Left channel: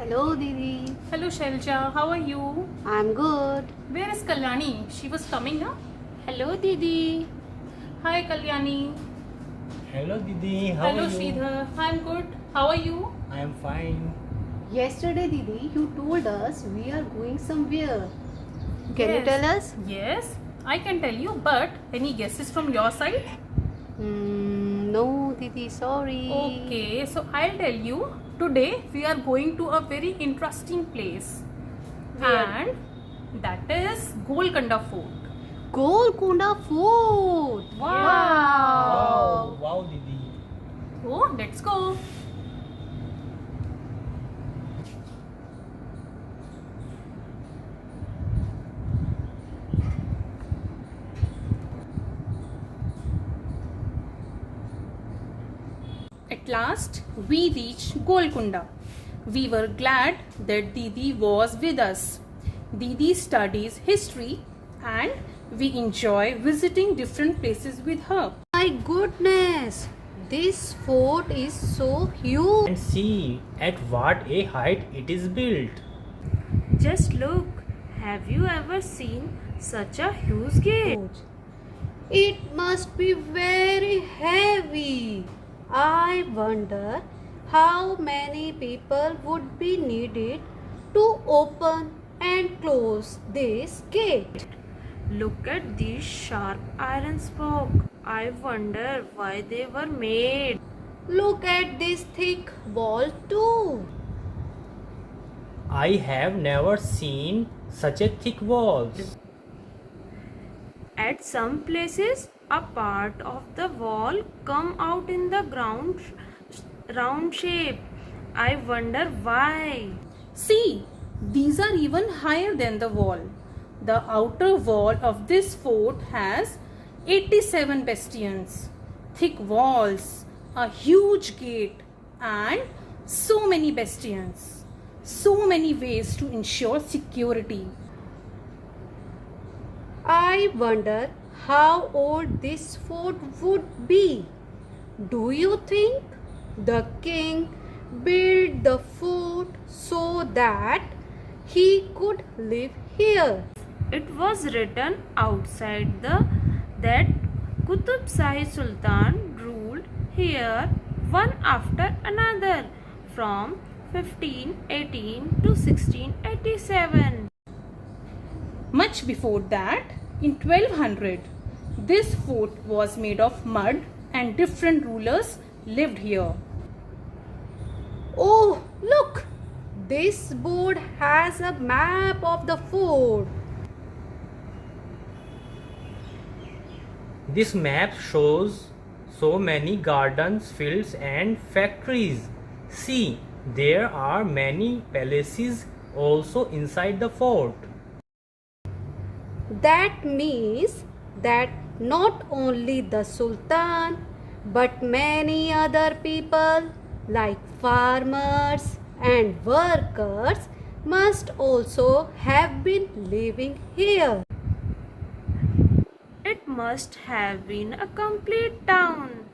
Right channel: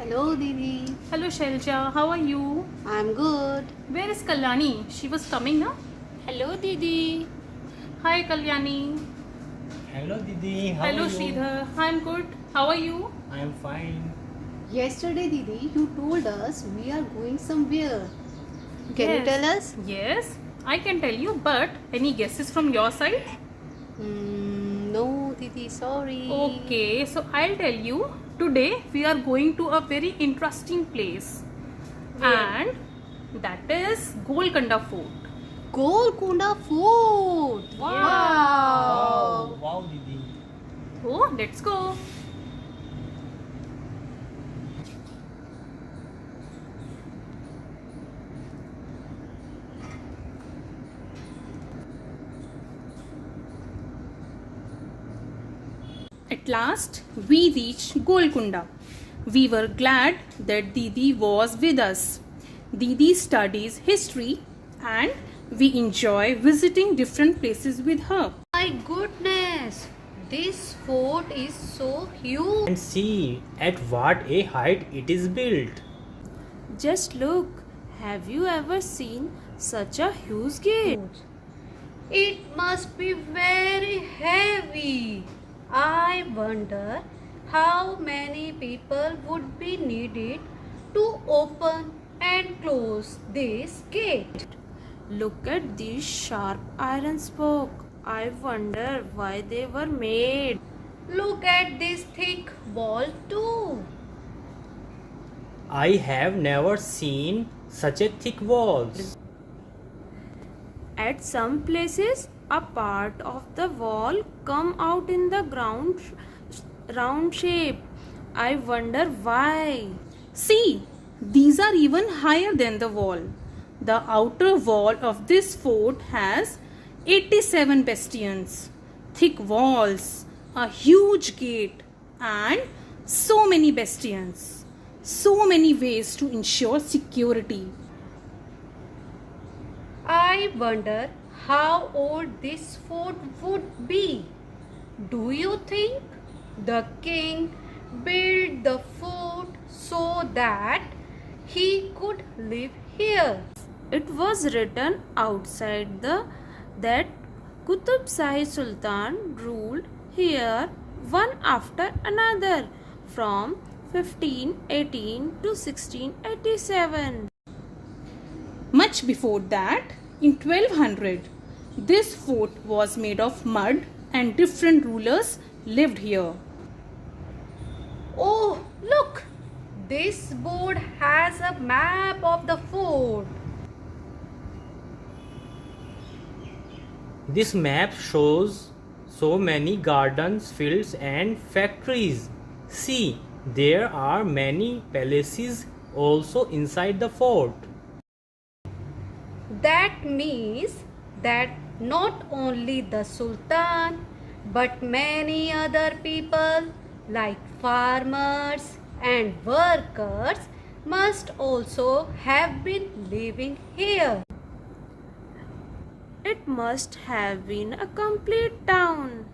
Hello, Didi. Hello Shelja, how are you? I'm good. Where is Kalyani? She was coming now. Hello, Didi. Hi Kalyani. Hello Didi, how Hello are you? Sridhar. I'm good. How are you? I am fine. Yesterday, Didi, you told us we are going somewhere. Can you tell us? Yes, I can tell you, but any guesses from your side? No, Didi, sorry. Okay, so I'll tell you. Today we are going to a very interesting place. Where? And that is Golconda Fort. Golconda Fort. Wow, wow Didi. Oh, let's go. At last, we reached Golconda. We were glad that Didi was with us. Didi studies history and we enjoy visiting different places with her. My goodness, this fort is so huge. And see at what a height it is built. Just look, have you ever seen such a huge gate? It must be very heavy. I wonder how many people would be needed to open and close this gate. Look at these sharp iron spokes. I wonder why they were made. Look at this thick wall too. I have never seen such a thick walls. At some places, a part of the wall come out in the ground round shape. I wonder why. See, these are even higher than the wall. The outer wall of this fort has 87 bastions, thick walls, a huge gate, and so many bastions. So many ways to ensure security. I wonder how old this fort would be. Do you think the king built the fort so that he could live here? It was written outside that Qutub Shahi Sultan ruled here one after another from 1518 to 1687. Much before that, in 1200, this fort was made of mud and different rulers lived here. Oh, look! This board has a map of the fort. This map shows so many gardens, fields and factories. See, there are many palaces also inside the fort. That means that not only the Sultan but many other people like farmers and workers must also have been living here. It must have been a complete town.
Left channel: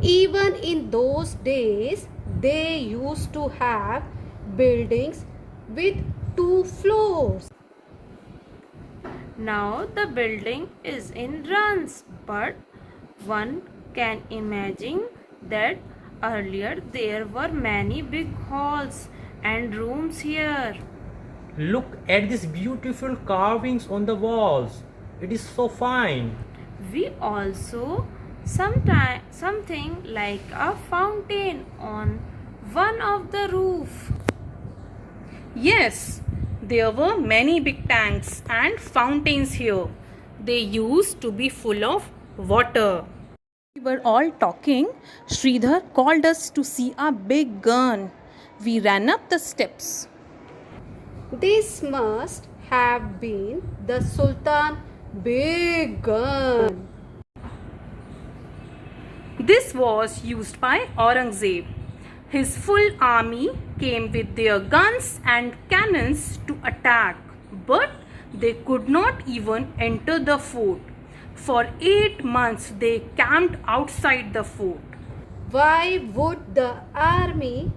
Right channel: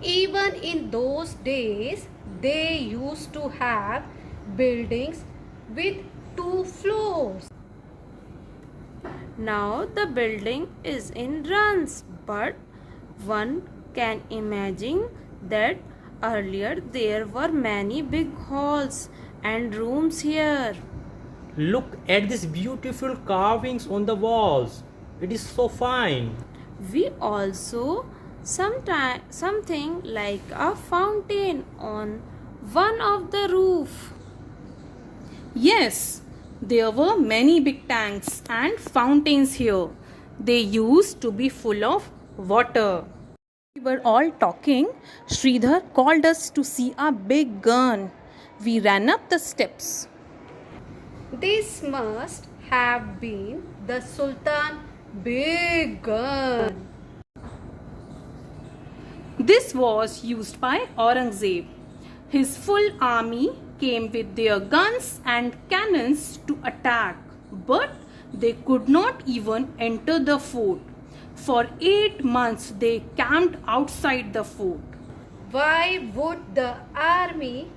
Even in those days, they used to have buildings with 2 floors. Now the building is in ruins, but one can imagine that earlier there were many big halls and rooms here. Look at these beautiful carvings on the walls. It is so fine. We also something like a fountain on one of the roof. Yes, there were many big tanks and fountains here. They used to be full of water. We were all talking. Sridhar called us to see a big gun. We ran up the steps. This must have been the Sultan's big gun. This was used by Aurangzeb. His full army came with their guns and cannons to attack, but they could not even enter the fort. For 8 months they camped outside the fort. Why would the army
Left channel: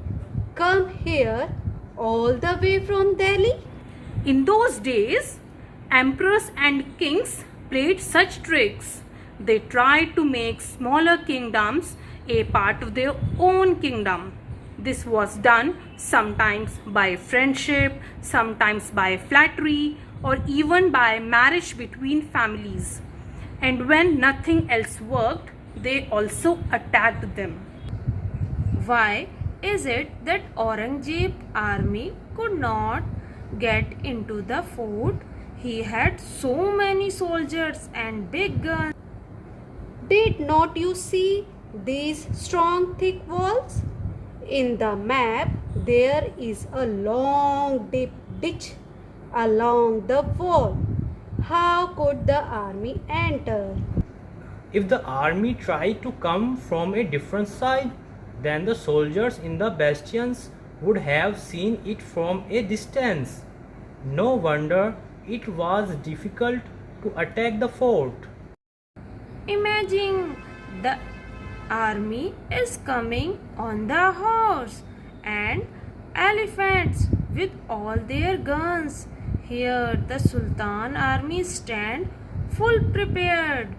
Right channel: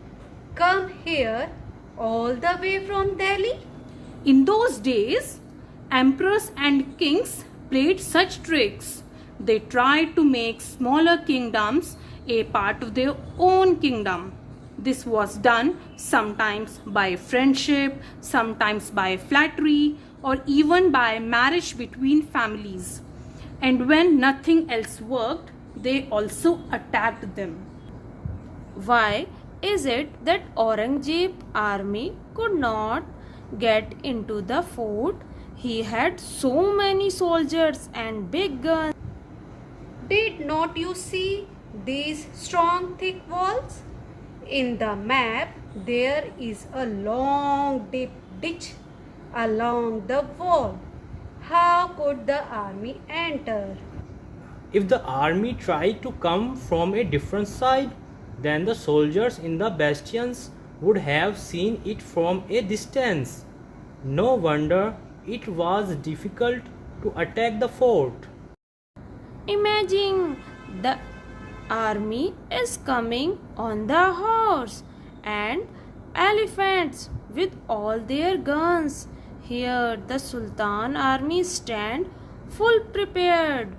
come here all the way from Delhi? In those days, emperors and kings played such tricks. They tried to make smaller kingdoms a part of their own kingdom. This was done sometimes by friendship, sometimes by flattery, or even by marriage between families. And when nothing else worked, they also attacked them. Why is it that Aurangzeb army could not get into the fort? He had so many soldiers and big guns. Did not you see these strong thick walls? In the map there is a long deep ditch along the wall. How could the army enter? If the army tried to come from a different side, then the soldiers in the bastions would have seen it from a distance. No wonder it was difficult to attack the fort. Imagine the army is coming on the horse and elephants with all their guns. Here the Sultan army stand full prepared.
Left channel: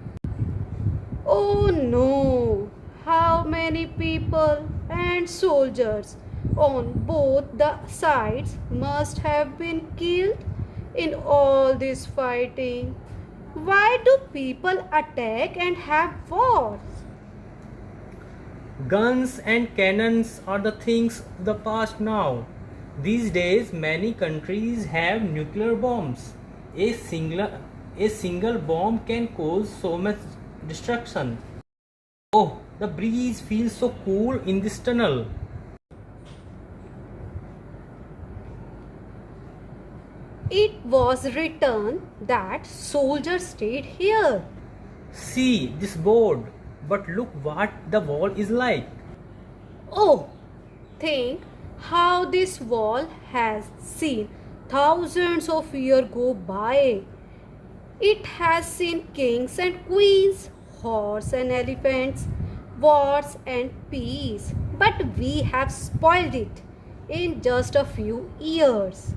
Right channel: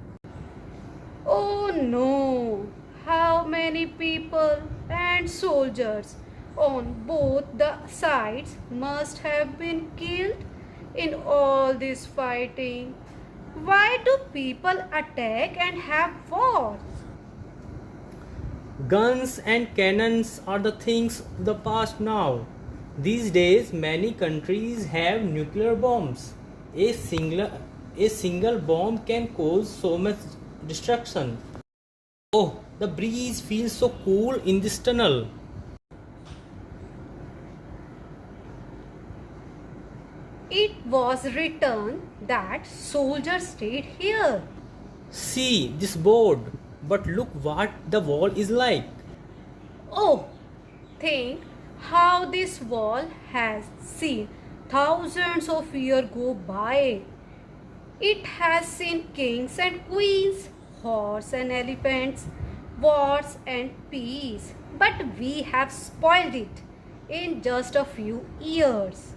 Oh no! How many people and soldiers on both the sides must have been killed in all this fighting? Why do people attack and have wars? Guns and cannons are the things of the past now. These days, many countries have nuclear bombs. A single bomb can cause so much destruction. Oh, the breeze feels so cool in this tunnel. It was written that soldiers stayed here. See this board, but look what the wall is like. Oh, think how this wall has seen thousands of years go by. It has seen kings and queens, horse and elephants, wars and peace. But we have spoiled it in just a few years.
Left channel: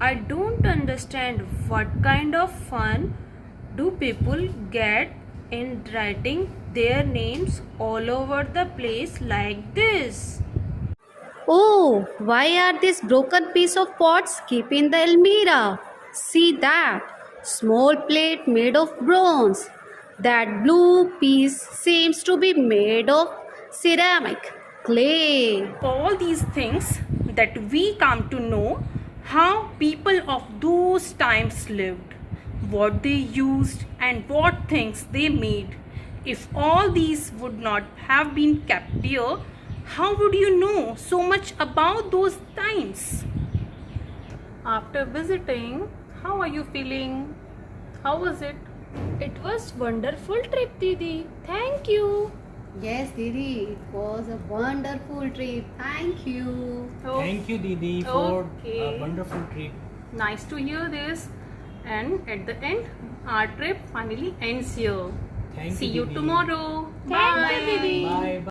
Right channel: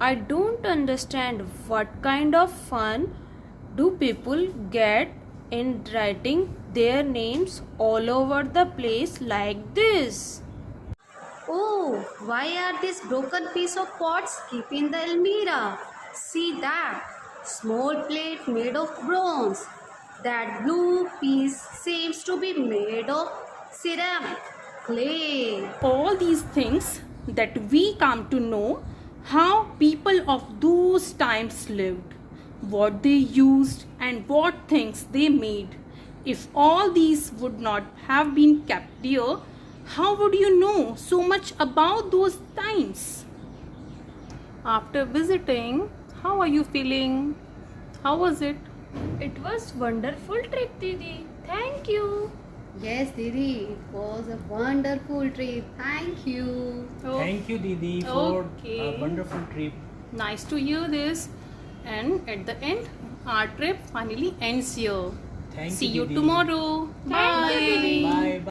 I don't understand what kind of fun do people get in writing their names all over the place like this. Oh, why are these broken piece of pots keep in the almirah? See that small plate made of bronze. That blue piece seems to be made of ceramic clay. All these things that we come to know how people of those times lived, what they used, and what things they made. If all these would not have been kept here, how would you know so much about those times? After visiting, how are you feeling? How was it? It was wonderful trip, Didi. Thank you. Yes, Didi, it was a wonderful trip. Thank you. Thank you, Didi, for Okay. a wonderful trip. Nice to hear this. And at the end, our trip finally ends here. Thank See you, you Didi. tomorrow. Thank you, Bye. Didi. Bye.